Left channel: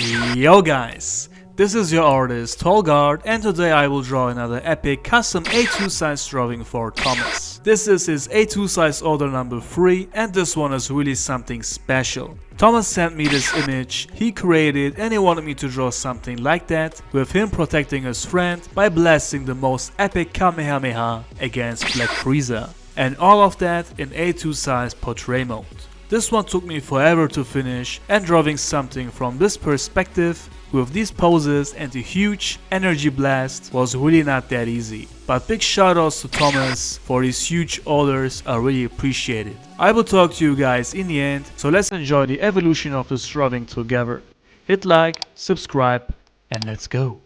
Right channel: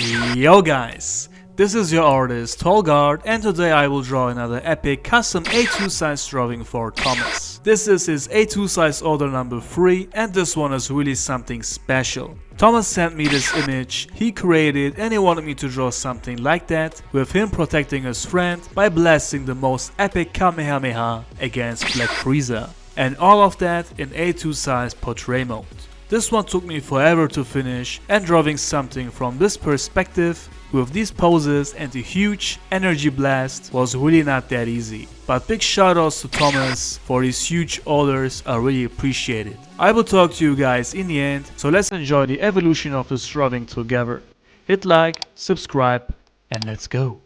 Yo guys, this is your artist Tolg, and today I will draw another epic custom A2 size drawing for Thomas. This is his A2 size order number 3 and this one is really something special. Thomas sent me this image he created and he wanted me to draw something like that with him protecting his friend by blasting the most epic KameHameHa against Black Frieza. And all of that in A2 size portrait mode. This one took me forever to finish, and drawing something from this perspective with these poses and a huge energy blast was really not that easy. But big shoutouts to Thomas for his huge orders, I really appreciate it. I will talk to you guys in the end, so let's enjoy the evolution of this drawing together. Hit like, subscribe, and let's go.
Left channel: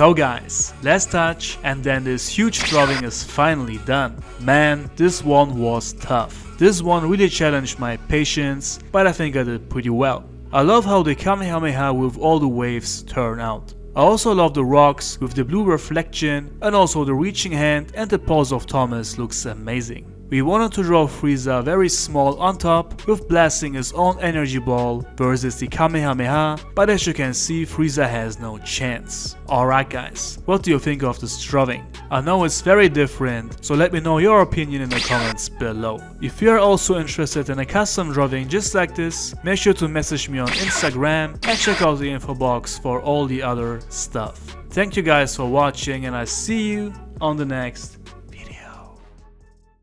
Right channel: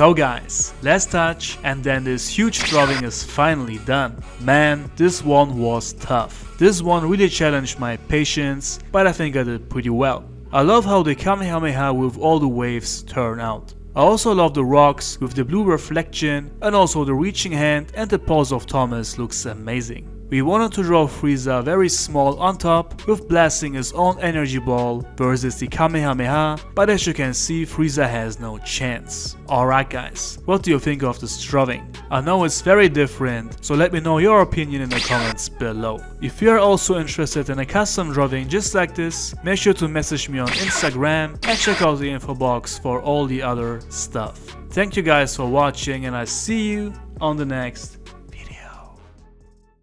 So guys, last touch and then this huge drawing is finally done. Man, this one was tough. This one really challenged my patience, but I think I did pretty well. I love how the KameHameHa with all the waves turn out. I also love the rocks with the blue reflection, and also the reaching hand and the pose of Thomas looks amazing. We wanted to draw Frieza very small on top with blasting his own energy ball versus the KameHameHa, but as you can see, Frieza has no chance. Alright guys, what do you think of this drawing? I know it's very different, so let me know your opinion in the comments below. If you are also interested in a custom drawing just like this, make sure to message me on Instagram and check out the info box for all the other stuff. Thank you guys for watching and I see you on the next